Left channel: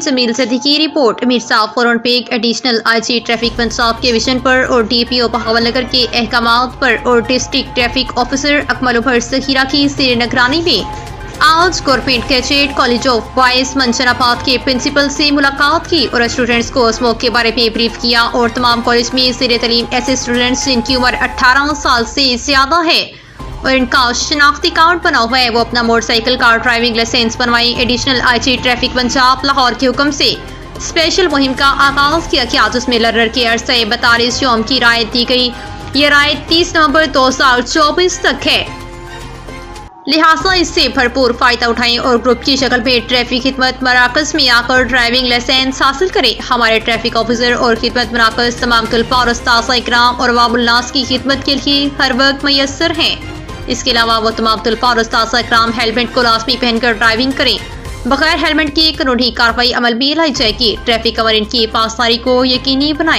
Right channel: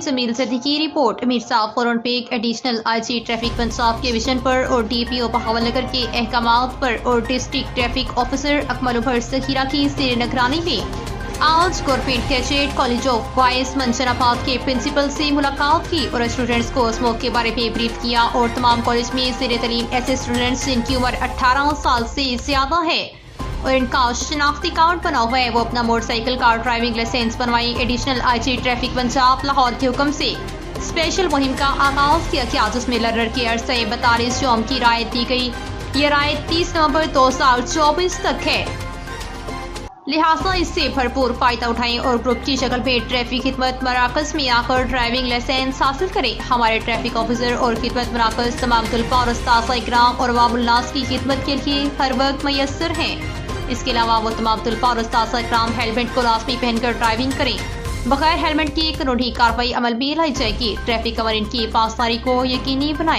جمیل صدیقی کی رپورٹ۔ میر صاحب فورن پیک additional I G traffic Punjab کے ویژن پر اور D P O Bahawalnagar کے احکامات پر اور ڈسٹرکٹ ٹریفک آفیسر اکمل البر ذخیرہ کی زیر نگرانی میں آج government cadet college of boys mention آباد کے پرنسپل سے ملاقات کی اور اسٹوڈنٹس کو اسموک کے بارے میں بریف کیا اور تمام کالج میں زیر تعلیم ایسے اسٹوڈنٹس جن کی عمر 18 سال سے زیادہ ہے اور ان کا شناختی کارڈ بنا ہوا ہے وہ اپنا موٹر سائیکل کا ڈرائیونگ لائسنس بنوائیں۔ Additional I G traffic Punjab Lahore کے حکم سے اسپیشل مہم کا آغاز کیا گیا جس میں لرنر کے عرصہ 42 یوم کی رعایت دی گئی۔ یہ رعایت 30 نومبر 2024 تک ہے، لہٰذا اس سے بھرپور فائدہ اٹھائیں اور گروپ کی شکل میں ٹریفک خدمت مراکز میں آ کر ڈرائیونگ لائسنس حاصل کریں۔ ہمارے ٹریفک آفیسر اور خدمت مراکز تمام طلباء اور اساتذہ اکرام اور عوام الناس کی خدمت کے لیے ہر وقت میسر ہیں۔ اس کے علاوہ وہ تمام طلباء اور اساتذہ اکرام ہیلمٹ کو لازمی پہن کر ڈرائیونگ کریں۔ بغیر ہیلمٹ کی قانونی کارروائی عمل میں لائی جائے گی۔ ٹریفک قوانین کی پاسداری کو یقینی بنائیں۔